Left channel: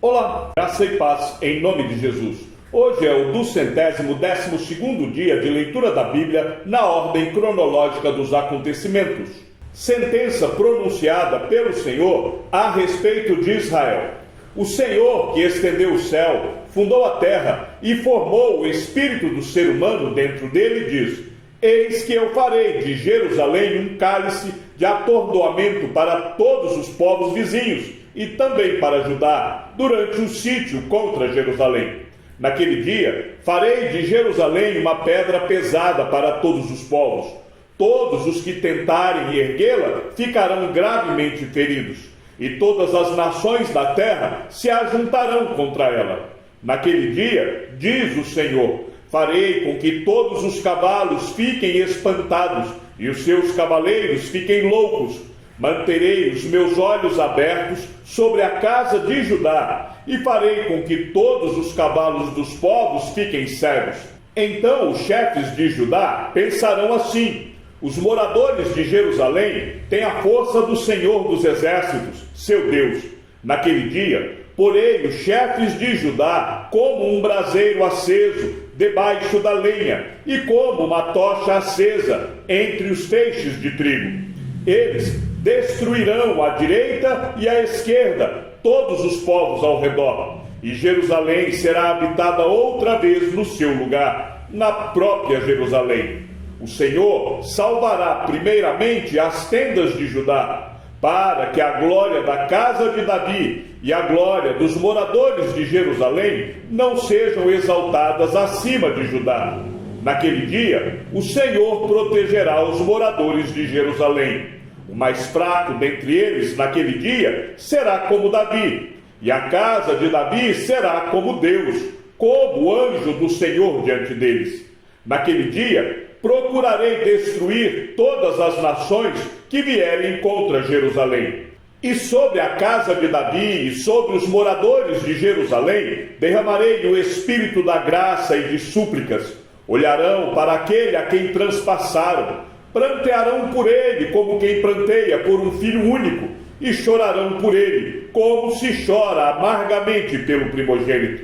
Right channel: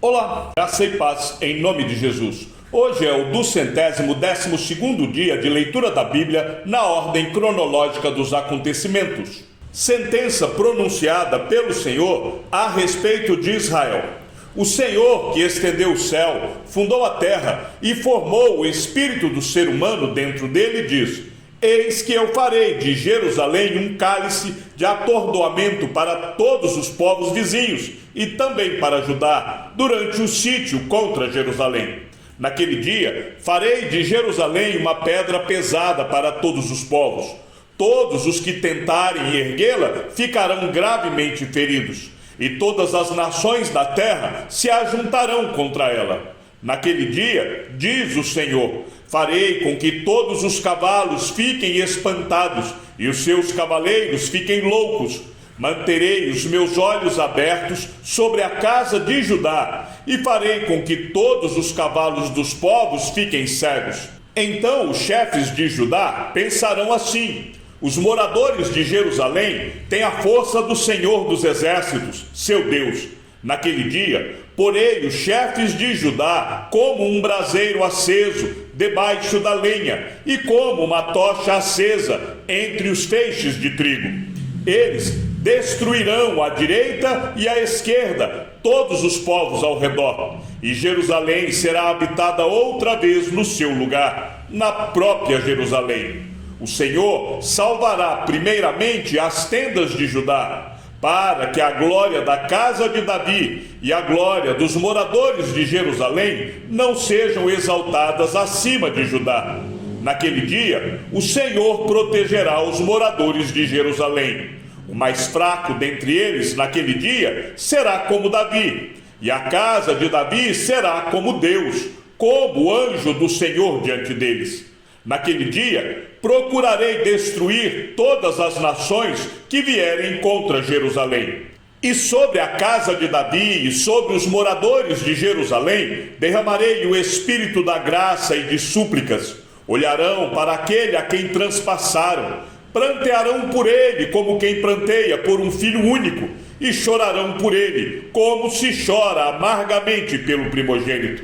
Olá, graça e paz em nome de Jesus. Hoje é o 212º dia de leitura da Bíblia na ordem cronológica dos acontecimentos. Sentença pronunciada pelo Senhor a respeito de Israel. O Senhor, que estendeu o céu, fundou a terra e formou o espírito do ser humano dentro dele, diz: Eis que eu farei de Jerusalém um cálice de atordoamento para todos os povos vizinhos e também para Judá, durante o sítio contra Jerusalém. Naquele dia, farei de Jerusalém uma pedra pesada para todos os povos. Todos os que tentarem erguê-la ficarão gravemente feridos, e todas as nações da terra se ajuntarão contra ela. Naquele dia, diz o Senhor, farei com que todos os cavalos fiquem espantados e os seus cavaleiros fiquem loucos. Manterei os meus olhos abertos sobre a casa de Judá e farei com que todos os cavalos dos povos fiquem cegos. Então os chefes de Judá pensarão assim: os moradores de Jerusalém têm a força do Senhor dos Exércitos, seu Deus. Naquele dia, porei os chefes de Judá como um braseiro aceso debaixo da lenha e como uma tocha acesa entre os feixes de trigo. Eles destruirão à direita e à esquerda todos os povos ao redor, e Jerusalém será habitada outra vez no seu lugar, na própria Jerusalém. O Senhor salvará primeiramente as tendas de Judá, para que a glória da casa de Davi e a glória dos moradores de Jerusalém não sejam exaltadas acima de Judá. Naquele dia, o Senhor protegerá os moradores de Jerusalém. O mais fraco dentre eles, naquele dia, será como Davi, e a casa de Davi será como Deus, como o anjo do Senhor diante deles. Naquele dia, procurarei destruir todas as nações que vierem contra Jerusalém. E sobre a casa de Davi e sobre os moradores de Jerusalém, derramarei o espírito da graça e de súplicas. Olharão para aquele a quem transpassaram, prantearão por ele como quem pranteia por um filho único, e chorarão por ele, como se chora amargamente pelo primogênito.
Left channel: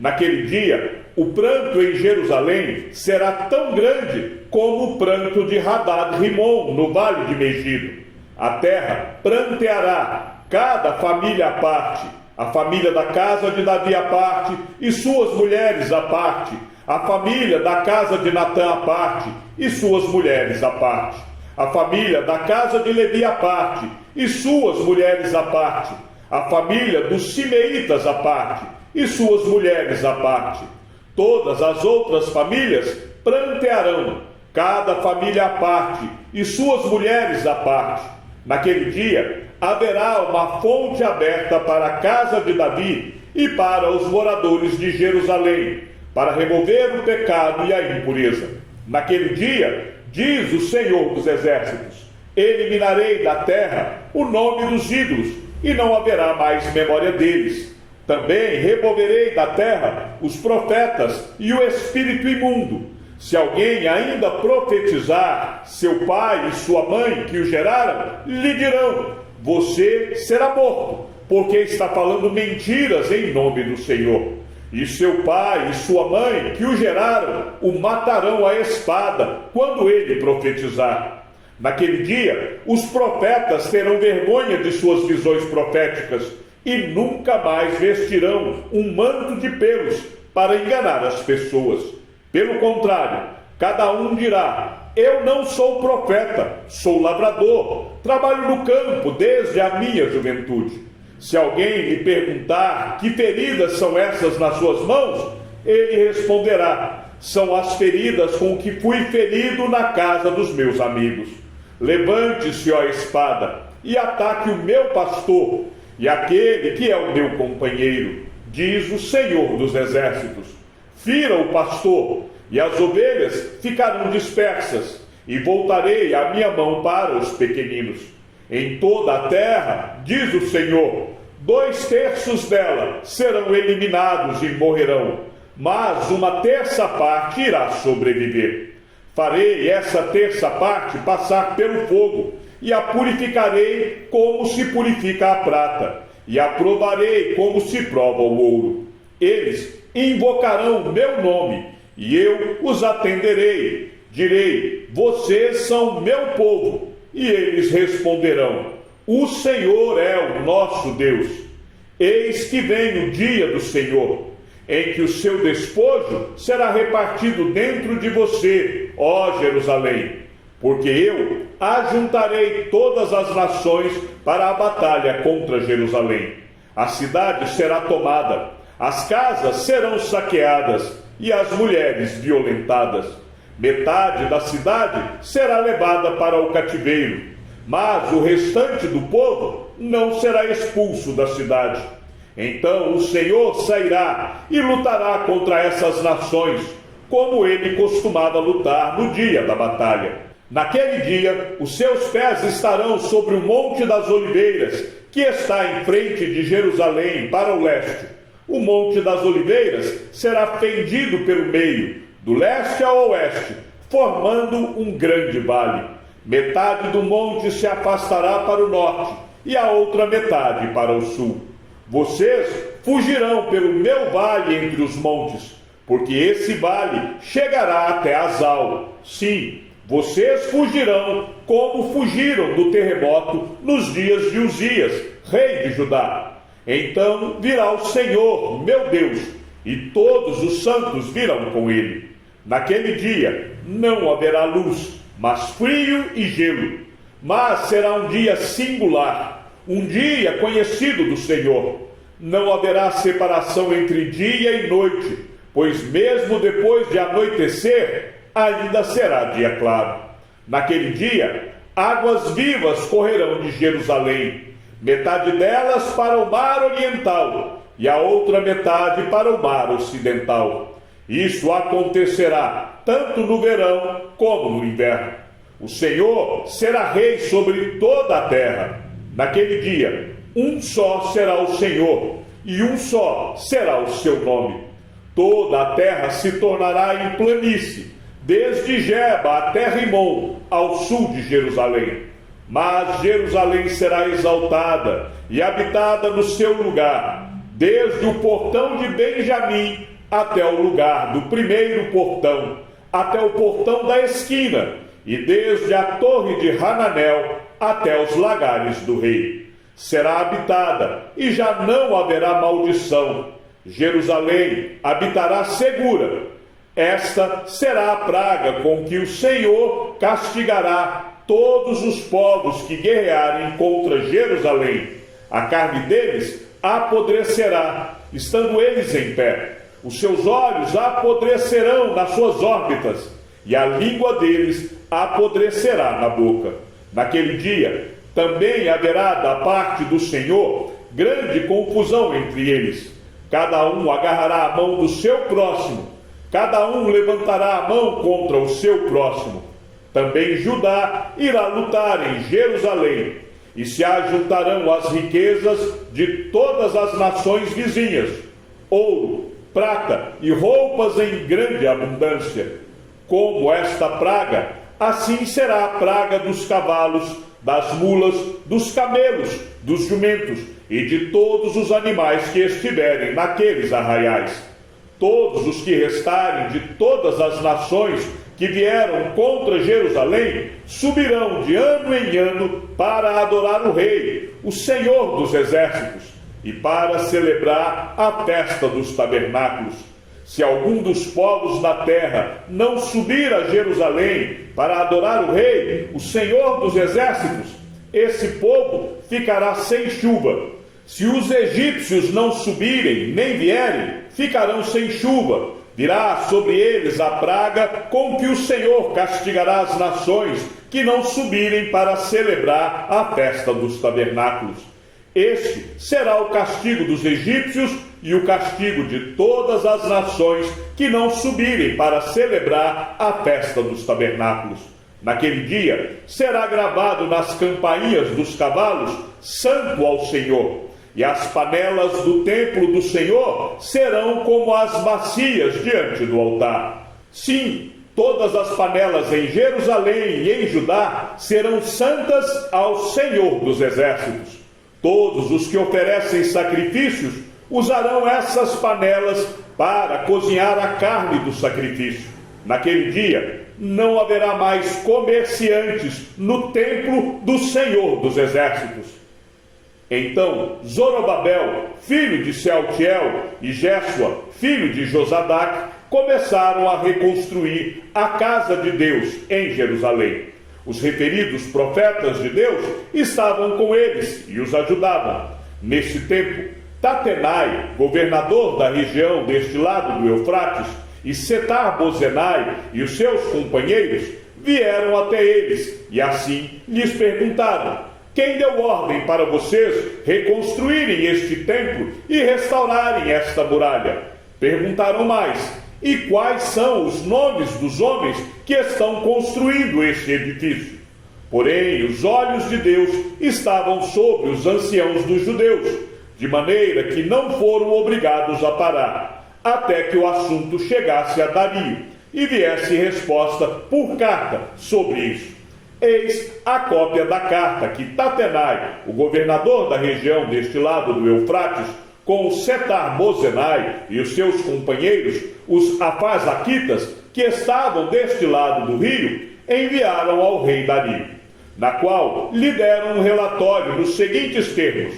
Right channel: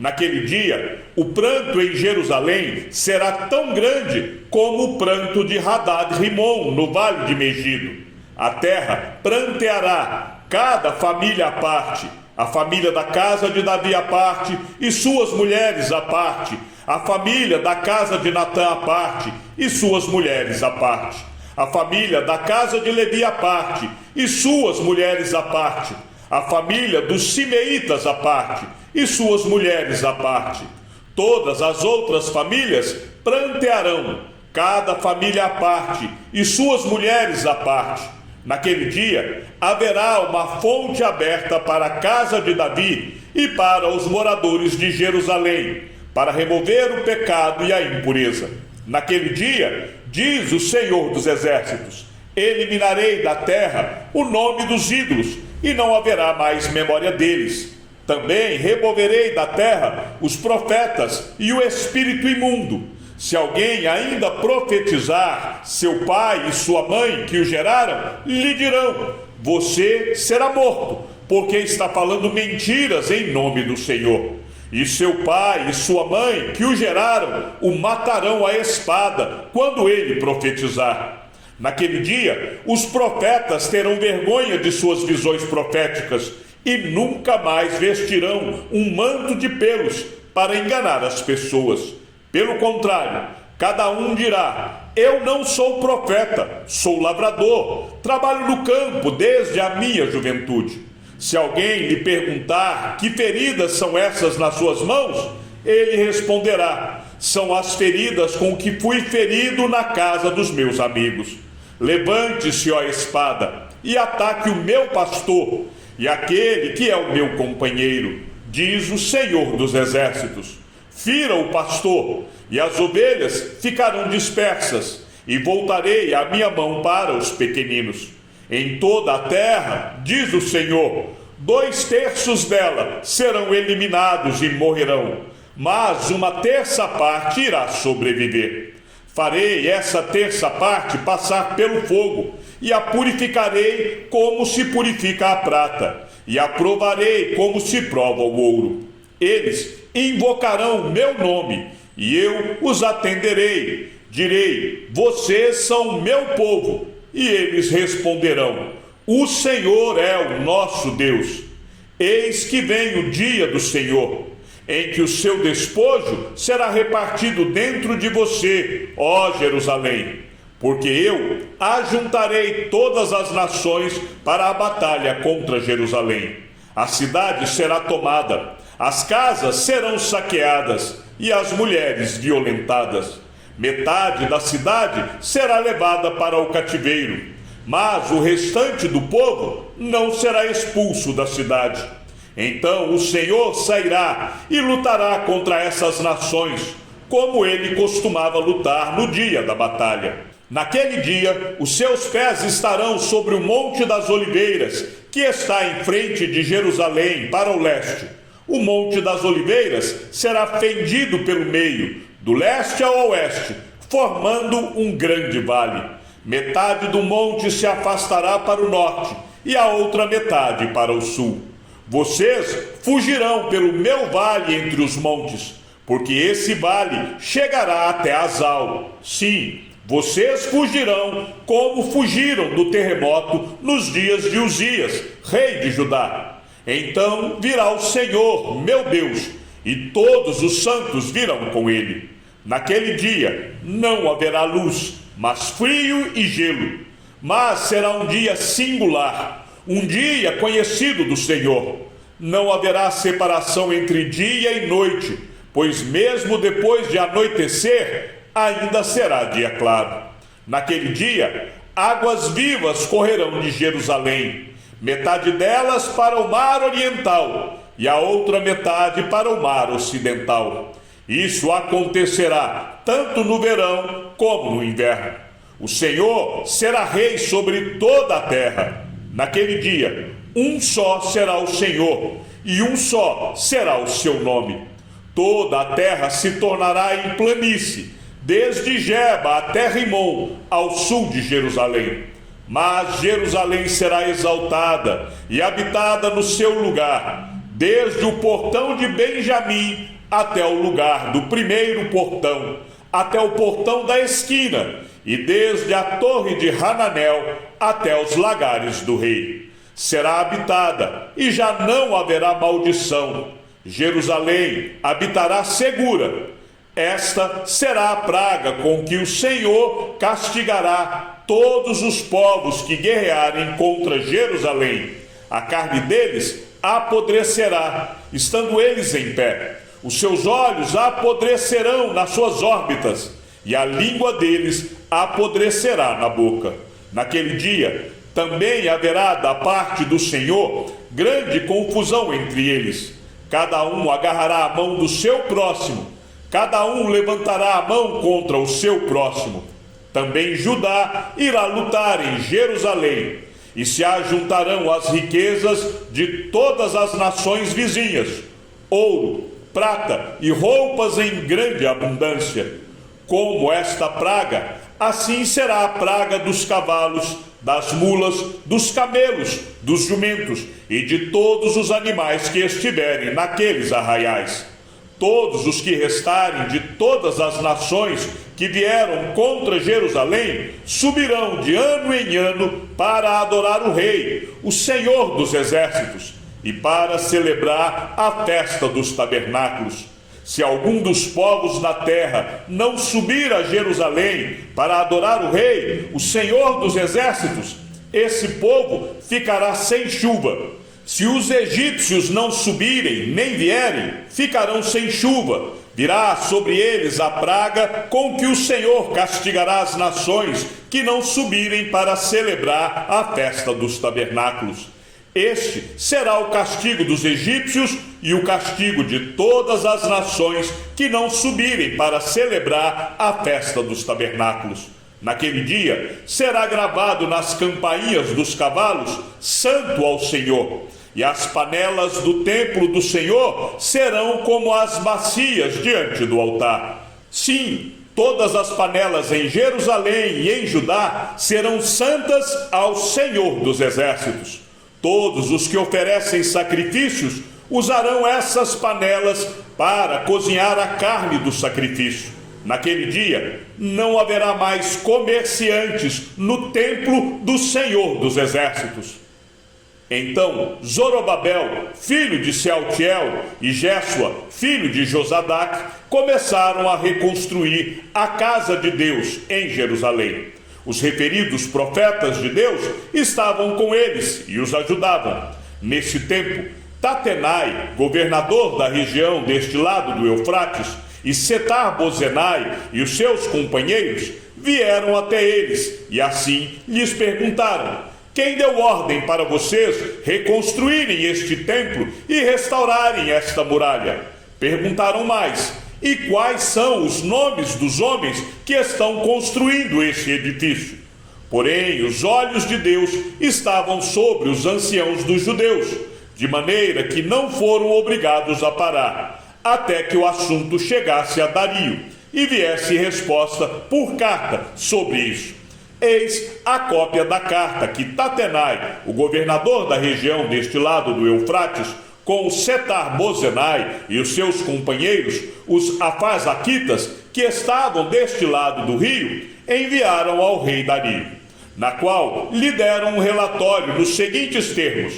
Naquele dia, o pranto em Jerusalém será tão grande como o pranto de Hadad-Rimon no vale de Megido. A terra pranteará, cada família à parte, a família da casa de Davi à parte e suas mulheres à parte, a família da casa de Natã à parte e suas mulheres à parte, a família da casa de Levi à parte e suas mulheres à parte, a família dos Simeitas à parte e suas mulheres à parte. Todas as outras famílias prantearão, cada família à parte e suas mulheres à parte. Naquele dia haverá uma fonte aberta para a casa de Davi e para os moradores de Jerusalém, para remover o pecado e a impureza. Naquele dia, diz o Senhor dos Exércitos, eliminarei da terra o nome dos ídolos e não haverá mais memória deles. Também removerei da terra os profetas e o espírito imundo. Se alguém ainda profetizar, seu pai e sua mãe que o geraram, lhe dirão: você será morto, porque está falando mentiras em nome do Senhor. E seu pai e sua mãe que o geraram, o matarão à espada, quando ele profetizar. Naquele dia, os profetas terão vergonha de suas visões proféticas, e nunca mais vestirão um manto de pelos para enganar as pessoas. Pelo contrário, cada um dirá: eu não sou profeta, sou lavrador, trabalho no campo desde a minha juventude. Se alguém lhe perguntar que feridas são essas nas suas mãos, ele responderá: são as feridas com que fui ferido na casa dos meus amigos. Levante-se, ó espada, e ataque o meu pastor, e aquele que é o meu companheiro, diz o Senhor dos Exércitos. Fira o pastor, e as ovelhas ficarão dispersas, e voltarei a minha mão para os pequeninos. Em toda a terra, diz o Senhor, 2/3 dela serão eliminados e morrerão, mas 1/3 parte irá sobreviver. Farei essa 1/3 parte passar pelo fogo, e a purificarei como se purifica a prata, e a provarei como se prova o ouro. Eles invocarão meu nome, e eu os atenderei. Direi: vocês são meu povo. E eles responderão: o Senhor é o nosso Deus. Eis que vem o dia do Senhor, em que o seu despojo será repartido dentro de você, ó Jerusalém. Porque eu ajuntarei todas as nações para a batalha contra Jerusalém. A cidade será tomada, as casas serão saqueadas e as mulheres violentadas. Metade da cidade será levada para o cativeiro, mas o restante do povo não será expulso da cidade. Então o Senhor sairá e lutará contra essas nações, como ele costumava lutar no dia da batalha. Naquele dia, os seus pés estarão sobre o Monte das Oliveiras, que está em frente de Jerusalém, para o leste. O Monte das Oliveiras será fendido pelo meio, do leste ao oeste, formando um grande vale. Metade do monte se afastará para o norte e a outra metade para o sul. Vocês fugirão pelo meu vale entre os montes, porque esse vale chegará até Azal. Sim, vocês fugirão como fugiram do terremoto nos dias de Uzias, rei de Judá. Então virá o Senhor, meu Deus, e todos os santos virão com ele. Naquele dia não haverá luz, mas frio e gelo. Mas será um dia singular, um dia conhecido do Senhor. Não haverá separação entre dia e noite, pois mesmo depois de anoitecer, ainda será dia claro. Naquele dia, águas vivas correrão de Jerusalém, metade delas para o mar oriental e a outra metade para o mar ocidental. Isso acontecerá tanto no verão como no inverno. O Senhor será rei sobre toda a terra. Naquele dia, um só será o Senhor, e um só será o seu nome. Toda a terra se tornará em planície, desde Geba até Rimon, ao sul de Jerusalém. Mas Jerusalém será exaltada e habitada no seu lugar, desde o portão de Benjamim até o lugar do primeiro portão, até o portão da esquina, e desde a torre de Hananel até os lagares do rei. Será habitada e já não haverá maldição. Jerusalém habitará segura. Esta será a praga com que o Senhor castigará todos os povos que guerrearem contra Jerusalém. A carne deles apodrecerá, estando eles em pé. Os seus olhos apodrecerão nas suas órbitas, e a língua deles apodrecerá na boca. Naquele dia, também haverá da parte do Senhor grande confusão entre eles. Cada um agarrará a mão do seu próximo, cada um levantará a mão contra o seu próximo. Também Judá irá lutar em Jerusalém, e se ajuntarão as riquezas de todas as nações vizinhas, ouro, prata e roupas em grande abundância. Como esta praga, assim será a praga dos cavalos, das mulas, dos camelos, dos jumentos e de todos os animais que estiverem naqueles arraiais. Todos os que restarem de todas as nações que vieram contra Jerusalém subirão de ano em ano para adorar o Rei, o Senhor dos Exércitos, e para celebrar a festa dos tabernáculos. Se algum dos povos na terra não subir a Jerusalém para adorar o Rei, o Senhor dos Exércitos, esse povo ficará sem chuva. Se os egípcios não subirem nem vierem, ficarão sem chuva. Virá sobre eles a praga com que o Senhor castigará as nações que não subirem para celebrar a festa dos tabernáculos. Este será o castigo dos egípcios e o castigo de todas as nações que não subirem para celebrar a festa dos tabernáculos. Naquele dia será gravado nas campainhas dos cavalos: Santo ao Senhor. E as panelas do templo do Senhor serão como as bacias diante do altar. Sim, todas as panelas em Jerusalém e em Judá serão santas ao Senhor dos Exércitos. Todos os que oferecem sacrifícios usarão essas panelas para cozinhar a carne do sacrifício. Naquele dia, não haverá mais comerciantes no templo do Senhor dos Exércitos. Então Zorobabel, filho de Sealtiel, e Jésua, filho de Josadac, começaram a reconstruir a casa de Deus em Jerusalém. Os referidos profetas de Deus estavam com eles e os ajudavam. Nesse tempo, Tatenai, governador da região deste lado do Eufrates, e Setar-Bozenai e os seus companheiros vieram até eles e assim lhes perguntaram: quem deu ordem para vocês reconstruírem este templo e restaurarem esta muralha? Perguntaram mais: e quais são os nomes dos homens que estão construindo este edifício? Porém, os olhos de Deus estavam sobre os anciãos dos judeus, de maneira que não foram obrigados a parar, até que o assunto chegasse a Dario e viesse resposta por carta sobre isso. Eis a cópia da carta que Tatenai, o governador da região deste lado do Eufrates, com Setar-Bozenai e os seus companheiros, os Afazaquitas, que estavam deste lado do rio, enviaram ao rei Dario, na qual lhe deram um relatório nos seguintes termos:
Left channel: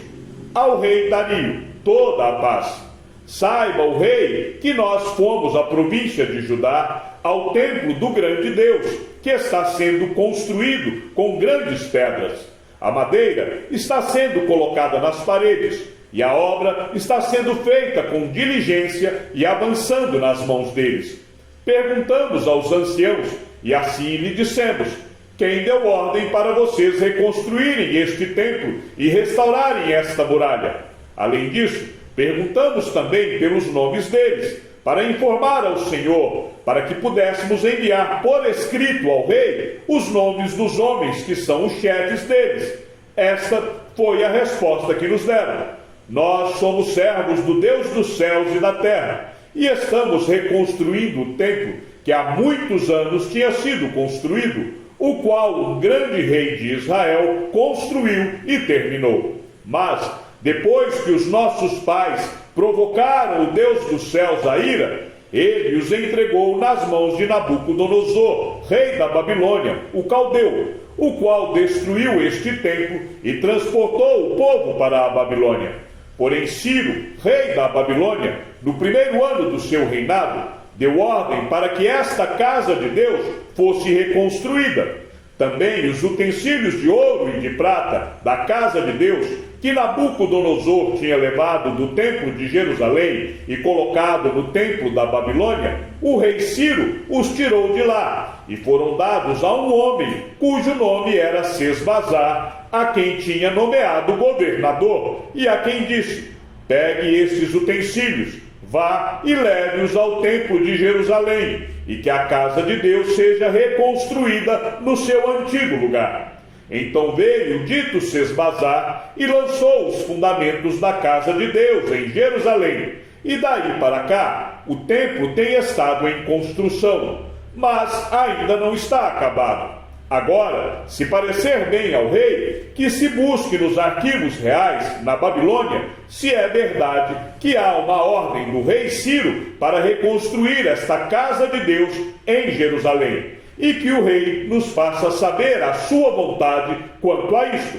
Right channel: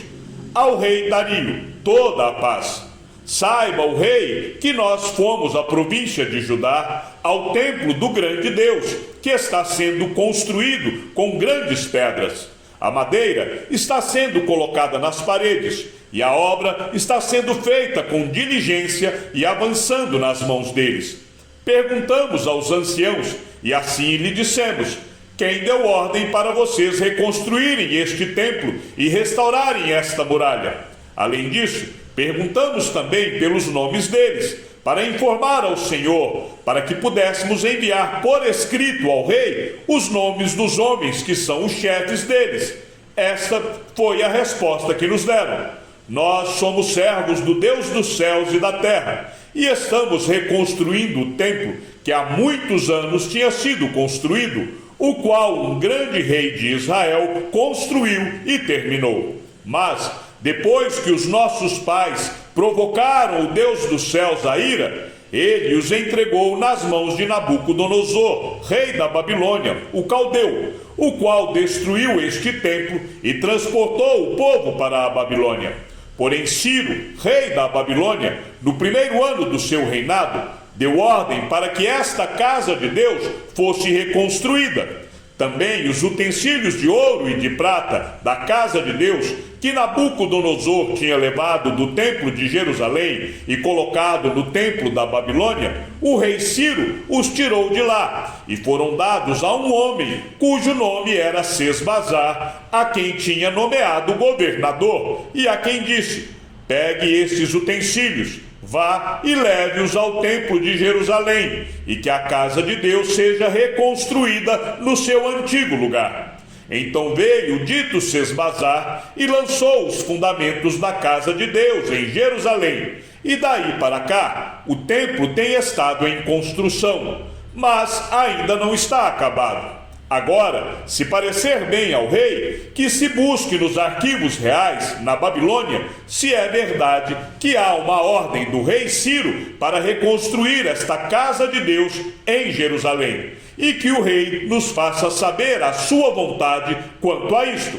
ao rei Dario, toda a paz. Saiba o rei que nós fomos à província de Judá, ao templo do grande Deus, que está sendo construído com grandes pedras. A madeira está sendo colocada nas paredes, e a obra está sendo feita com diligência e avançando nas mãos deles. Perguntamos aos anciãos, e assim lhe dissemos: quem deu ordem para vocês reconstruírem este templo e restaurarem esta muralha? Além disso, perguntamos também pelos nomes deles, para informar ao Senhor, para que pudéssemos enviar por escrito ao rei os nomes dos homens que são os chefes deles. Esta foi a resposta que nos deram: nós somos servos do Deus dos céus e da terra, e estamos reconstruindo o templo que há muitos anos tinha sido construído, o qual um grande rei de Israel construiu e terminou. Mas depois que os nossos pais provocaram o Deus dos céus à ira, ele os entregou nas mãos de Nabucodonosor, rei da Babilônia, o caldeu, o qual destruiu este templo e transportou o povo para a Babilônia. Porém Ciro, rei da Babilônia, no primeiro ano do seu reinado, deu ordem para que esta casa de Deus fosse reconstruída. Também os utensílios de ouro e de prata da casa de Deus, que Nabucodonosor tinha levado do templo de Jerusalém e colocado no templo da Babilônia, o rei Ciro os tirou de lá e foram dados a um homem cujo nome era Sesbazar, a quem tinha nomeado governador, e a quem disse: pegue estes utensílios, vá e leve-os ao templo de Jerusalém, e que a casa de Deus seja reconstruída no seu antigo lugar. Então veio o dito Sesbazar e lançou os fundamentos da casa de Deus em Jerusalém. E daí para cá, o templo tem estado em construção, mas ainda não está acabado. Agora, se parecer bem ao rei, que se busque nos arquivos reais, na Babilônia, se é verdade que há uma ordem do rei Ciro para reconstruir esta casa de Deus em Jerusalém, e que o rei nos faça saber a sua vontade quanto a isto.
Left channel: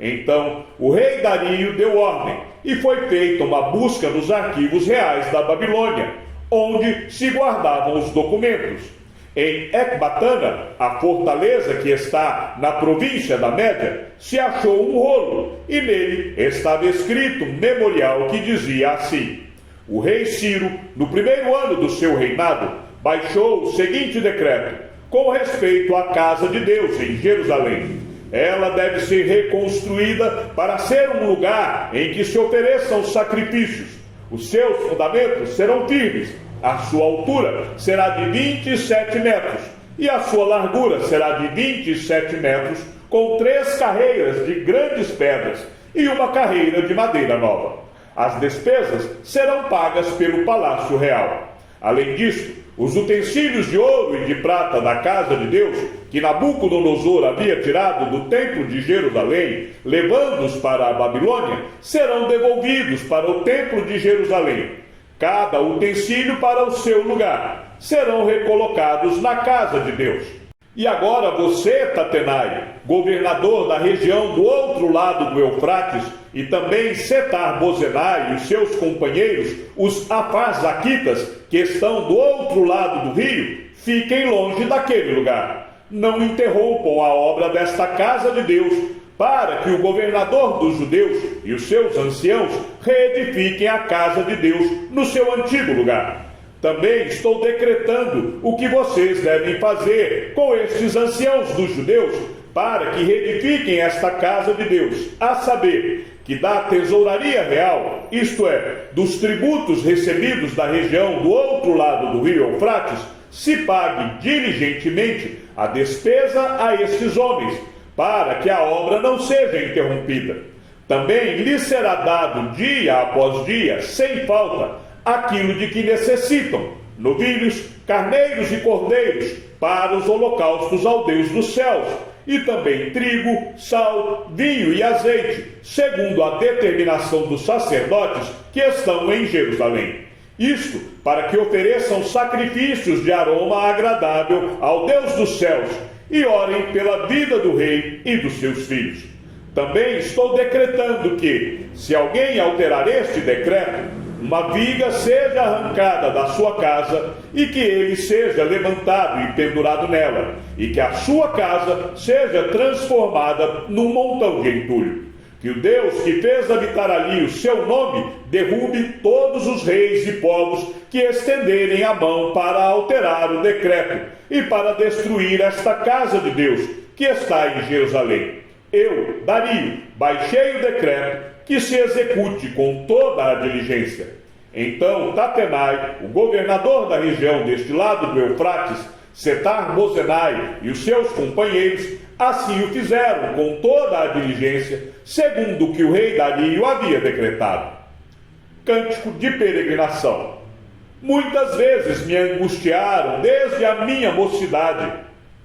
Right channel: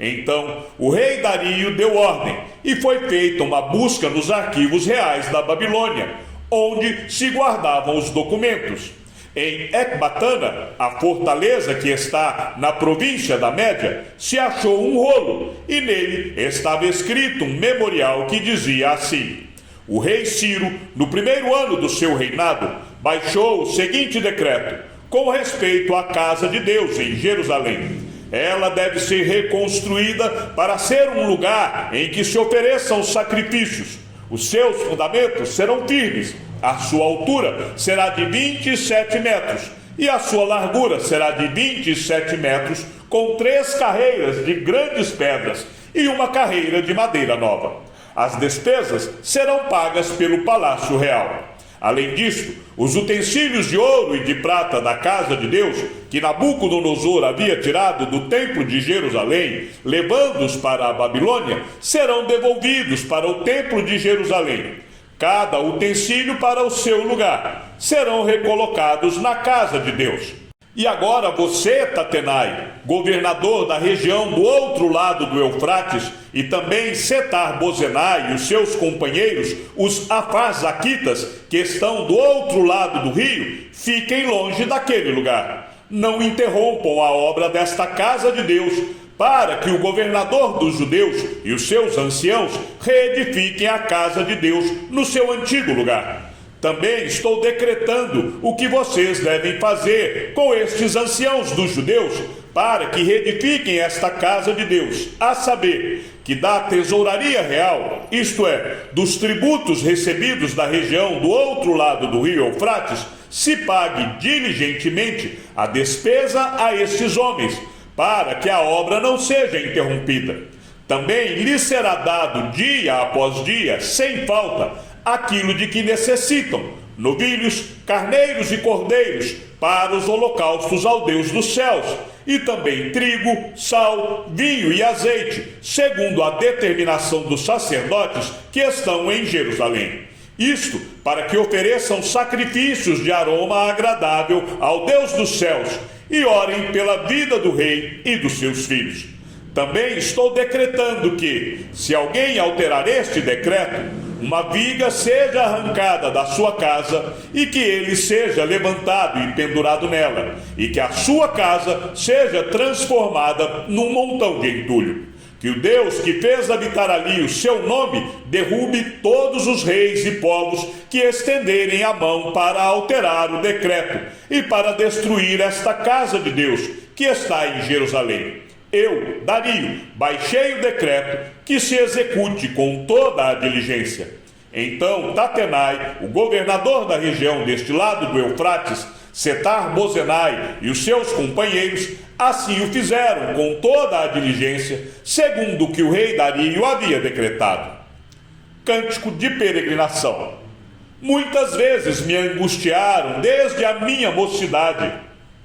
Então, o rei Dario deu ordem, e foi feita uma busca nos arquivos reais da Babilônia, onde se guardavam os documentos. Em Ecbatana, a fortaleza que está na província da Média, se achou um rolo, e nele estava escrito um memorial que dizia assim: o rei Ciro, no primeiro ano do seu reinado, baixou o seguinte decreto com respeito à casa de Deus em Jerusalém. Ela deve ser reconstruída para ser um lugar em que se ofereçam sacrifícios. Os seus fundamentos serão firmes. A sua altura será de 27 metros e a sua largura será de 27 metros, com 3 carreiras de grandes pedras e uma carreira de madeira nova. As despesas serão pagas pelo Palácio Real. Além disso, os utensílios de ouro e de prata da casa de Deus, que Nabucodonosor havia tirado do templo de Jerusalém, levando-os para a Babilônia, serão devolvidos para o templo de Jerusalém. Cada utensílio para o seu lugar. Serão recolocados na casa de Deus. E agora você, Tatenai, governador da região do outro lado do Eufrates, e também Setar-Bozenai e os seus companheiros, os Afarzaquitas, que estão do outro lado do rio, fiquem longe daquele lugar. Não interrompam a obra desta casa de Deus, para que o governador dos judeus e os seus anciãos reedifiquem a casa de Deus no seu antigo lugar. Também estou decretando o que vocês devem fazer com estes anciãos dos judeus para que reedifiquem esta casa de Deus, a saber, que da tesouraria real, isto é, dos tributos recebidos da região do outro lado do rio Eufrates, se pague diligentemente a despesa a estes homens, para que a obra não seja interrompida. Também lhes será dado dia após dia, sem falta, aquilo de que necessitam, novilhos, carneiros e cordeiros, para os holocaustos ao Deus dos céus, e também trigo, sal, vinho e azeite, segundo a determinação dos sacerdotes que estão em Jerusalém. Isto para que ofereçam sacrifícios de aroma agradável ao Deus dos céus, e orem pela vida do rei e dos seus filhos. Também estou decretando que, se alguém alterar este decreto, uma viga seja arrancada da sua casa e que ele seja levantado e pendurado nela, e que a sua casa seja transformada num montão de entulho. Que o Deus que fez habitar ali o seu nome derrube todos os reis e povos que estenderem a mão para alterar o decreto e para destruir esta casa de Deus que está em Jerusalém. Eu, Dario, baixei o decreto que se execute com toda a diligência. Então Tatenai, o governador da região deste lado do Eufrates, Setar-Bozenai e os seus companheiros, assim o fizeram com toda a diligência, segundo o que o rei Dario havia decretado. Cântico de peregrinação. Muitas vezes me angustiaram desde a minha mocidade.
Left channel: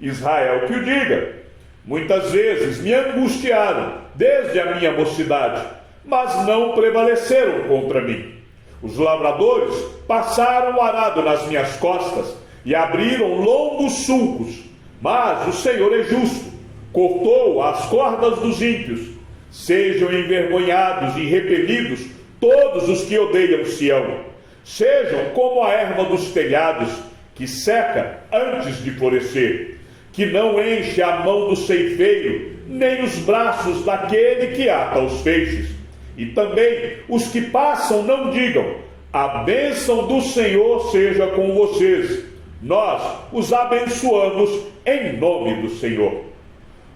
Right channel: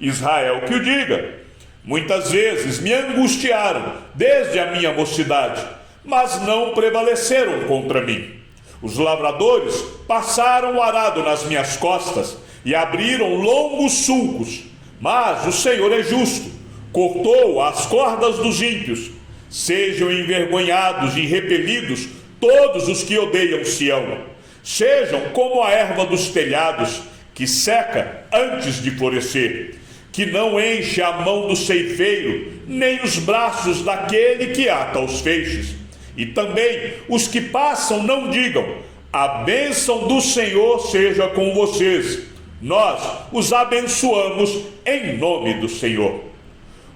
Israel que o diga. Muitas vezes me angustiaram desde a minha mocidade, mas não prevaleceram contra mim. Os lavradores passaram o arado nas minhas costas e abriram longos sulcos, mas o Senhor é justo, cortou as cordas dos ímpios. Sejam envergonhados e repelidos todos os que odeiam Sião. Sejam como a erva dos telhados, que seca antes de florescer, que não enche a mão do ceifeiro, nem os braços daquele que ata os feixes. E também os que passam não digam: a bênção do Senhor seja com vocês. Nós os abençoamos em nome do Senhor.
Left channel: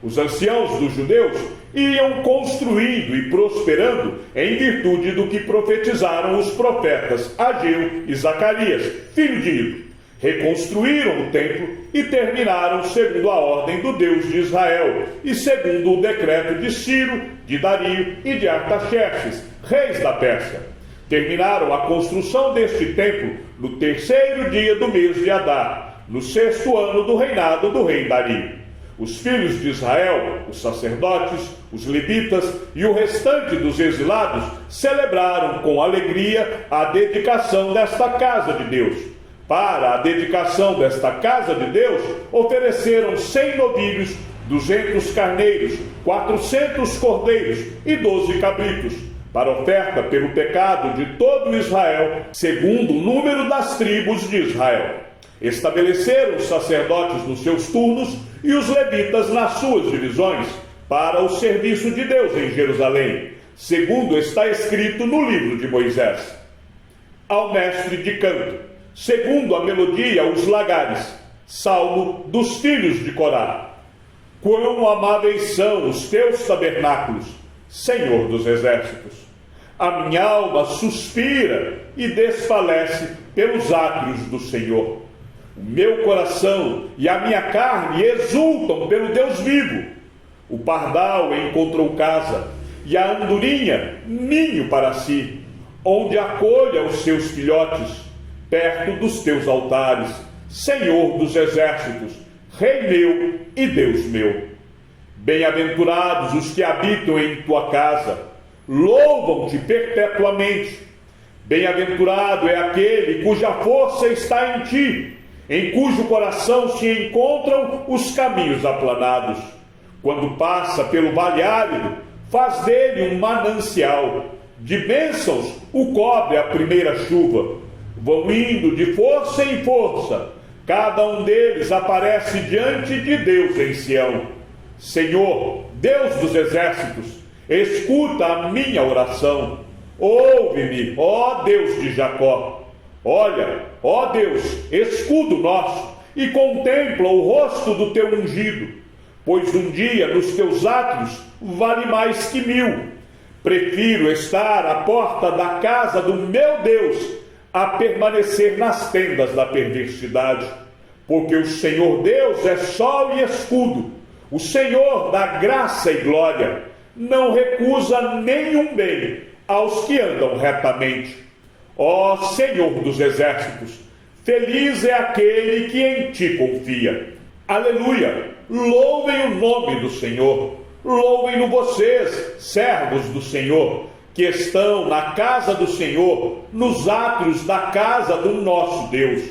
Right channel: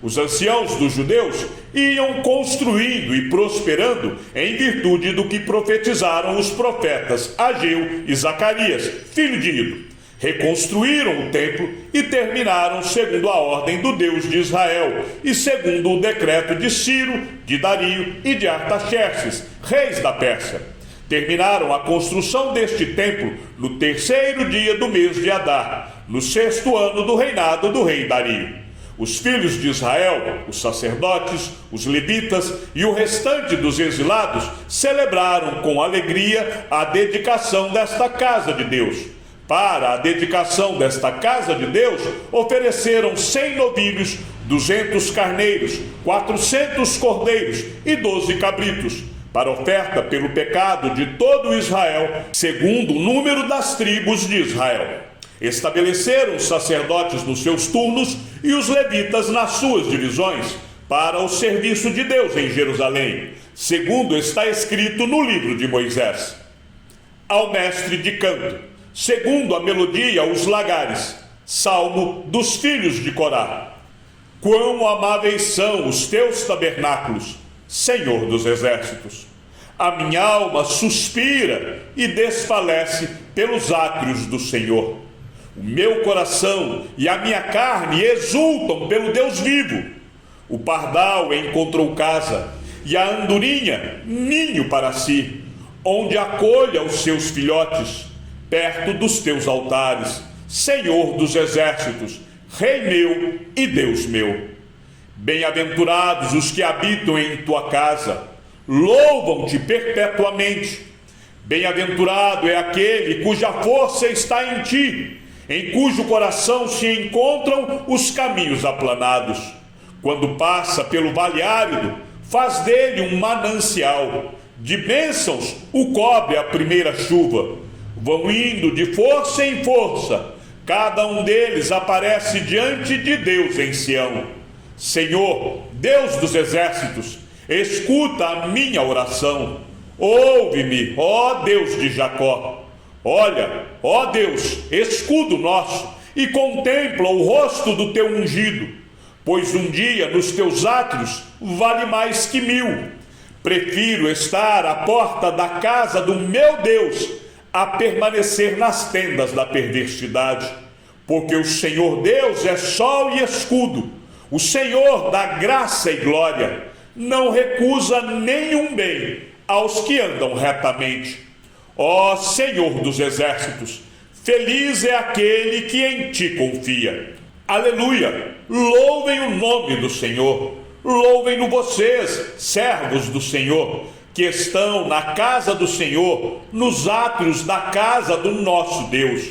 Os anciãos dos judeus iam construindo e prosperando em virtude do que profetizaram os profetas Ageu e Zacarias, filho de Ido. Reconstruíram o templo e terminaram segundo a ordem do Deus de Israel e segundo o decreto de Ciro, de Dario e de Artaxerxes, reis da Pérsia. Terminaram a construção deste templo no 3º dia do mês de Adar, no 6º ano do reinado do rei Dario. Os filhos de Israel, os sacerdotes, os levitas e o restante dos exilados celebraram com alegria a dedicação desta casa de Deus. Para a dedicação desta casa de Deus, ofereceram 100 novilhos, 200 carneiros, 400 cordeiros e 12 cabritos, para oferta pelo pecado de todo Israel, segundo o número das tribos de Israel. Estabeleceram os sacerdotes nos seus turnos e os levitas nas suas divisões, para o serviço de Deus em Jerusalém, segundo está escrito no livro de Moisés. Ao mestre de canto, segundo a melodia, os lagares, salmo dos filhos de Corá. Quão amáveis são os teus tabernáculos, Senhor dos exércitos! A minha alma suspira e desfalece pelos átrios do Senhor. O meu coração e a minha carne exultam pelo Deus vivo. O pardal encontrou casa e a andorinha ninho para si, onde acolha os seus filhotes. perto dos teus altares, Senhor dos exércitos, Rei meu e Deus meu. Bem-aventurados os que habitam em tua casa, louvam-te perpetuamente. Bem-aventurado é aquele cuja força está em ti, em cujo coração se encontram os caminhos aplanados. Quando passa pelo vale árido, faz dele um manancial. De bênçãos o cobre a primeira chuva. Vão indo de força em força. Cada um deles aparece diante de Deus em Sião. Senhor, Deus dos exércitos, escuta a minha oração. Ouve-me, ó Deus de Jacó. Olha, ó Deus, escudo nosso, e contempla o rosto do teu ungido. Pois um dia nos teus átrios vale mais que 1000. Prefiro estar à porta da casa do meu Deus a permanecer nas tendas da perversidade. Porque o Senhor Deus é sol e escudo, o Senhor dá graça e glória, não recusa nenhum bem aos que andam retamente. Ó Senhor dos exércitos, feliz é aquele que em ti confia. Aleluia! Louvem o nome do Senhor, louvem-no vocês, servos do Senhor, que estão na casa do Senhor, nos átrios da casa do nosso Deus.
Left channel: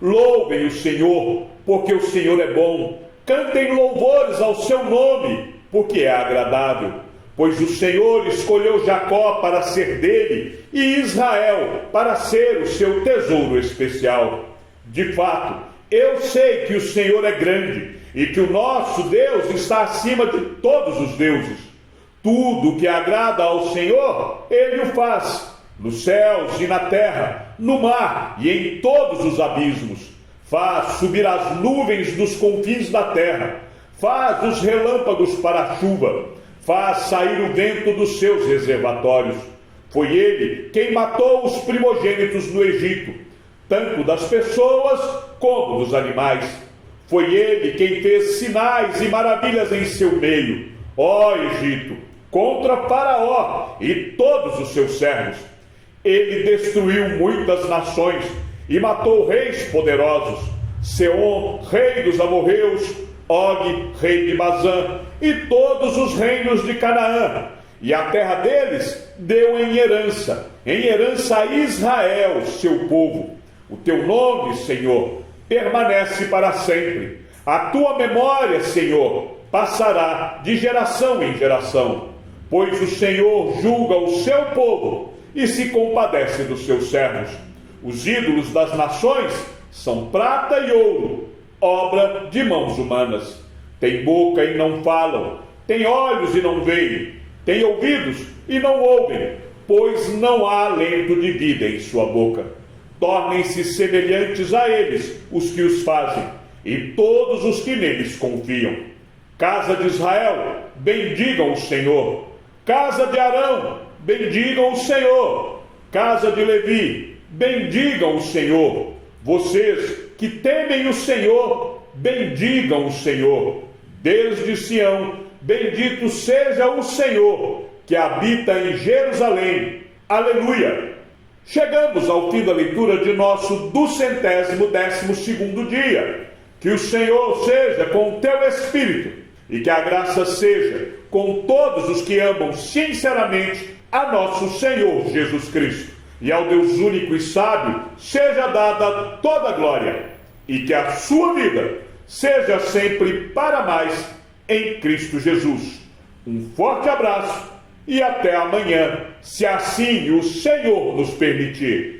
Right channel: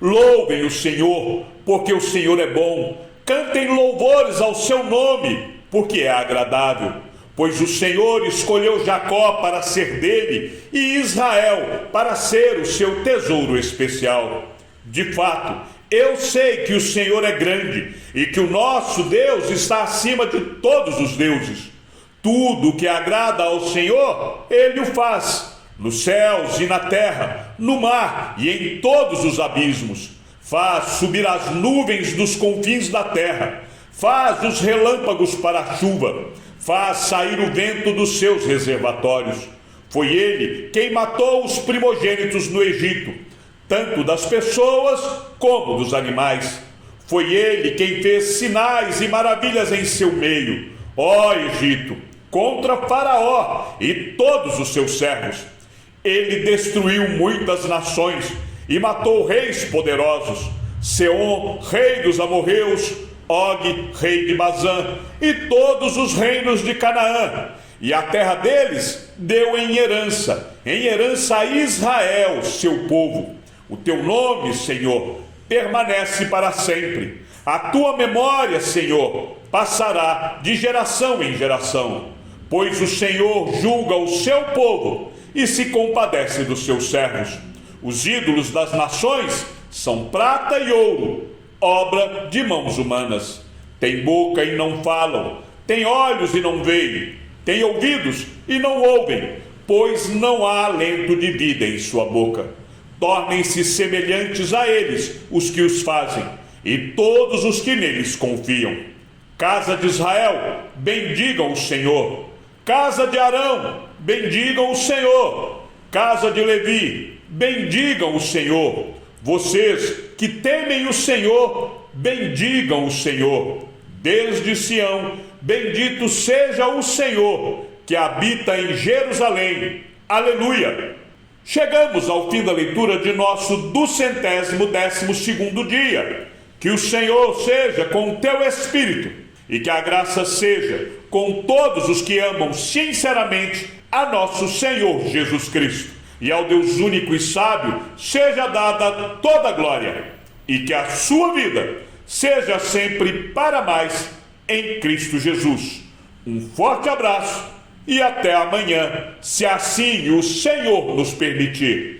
Louvem o Senhor, porque o Senhor é bom. Cantem louvores ao seu nome, porque é agradável. Pois o Senhor escolheu Jacó para ser dele e Israel para ser o seu tesouro especial. De fato, eu sei que o Senhor é grande e que o nosso Deus está acima de todos os deuses. Tudo que agrada ao Senhor, Ele o faz, nos céus e na terra, no mar e em todos os abismos. Faz subir as nuvens dos confins da terra, faz os relâmpagos para a chuva, faz sair o vento dos seus reservatórios. Foi Ele quem matou os primogênitos no Egito, tanto das pessoas como dos animais. Foi Ele quem fez sinais e maravilhas em seu meio, ó Egito, contra Faraó e todos os seus servos. Ele destruiu muitas nações e matou reis poderosos, Seom, rei dos amorreus, Og, rei de Bazã, e todos os reinos de Canaã. E a terra deles deu em herança a Israel, seu povo. O teu nome, Senhor, permanece para sempre. A tua memória, Senhor, passará de geração em geração. Pois o Senhor julga o seu povo e se compadece dos seus servos. Os ídolos das nações são prata e ouro, obra de mãos humanas. Tem boca e não falam, tem olhos e não veem, tem ouvidos e não ouvem, pois não há alento de vida em sua boca. Tornem-se semelhantes a eles os que os fazem, e todos os que neles confiam. Casa de Israel, bendigam o Senhor. Casa de Arão, bendigam o Senhor. Casa de Levi, bendigam o Senhor. Vocês que temem o Senhor, bendigam o Senhor. Desde Sião, bendito seja o Senhor, que habita em Jerusalém. Aleluia! Chegamos ao fim da leitura de nosso 212º dia. Que o Senhor seja com o teu espírito e que a graça seja com todos os que amam sinceramente a nosso Senhor Jesus Cristo. E ao Deus único e sábio seja dada toda a glória, e que a sua vida seja sempre para mais em Cristo Jesus. Um forte abraço e até amanhã, se assim o Senhor nos permitir.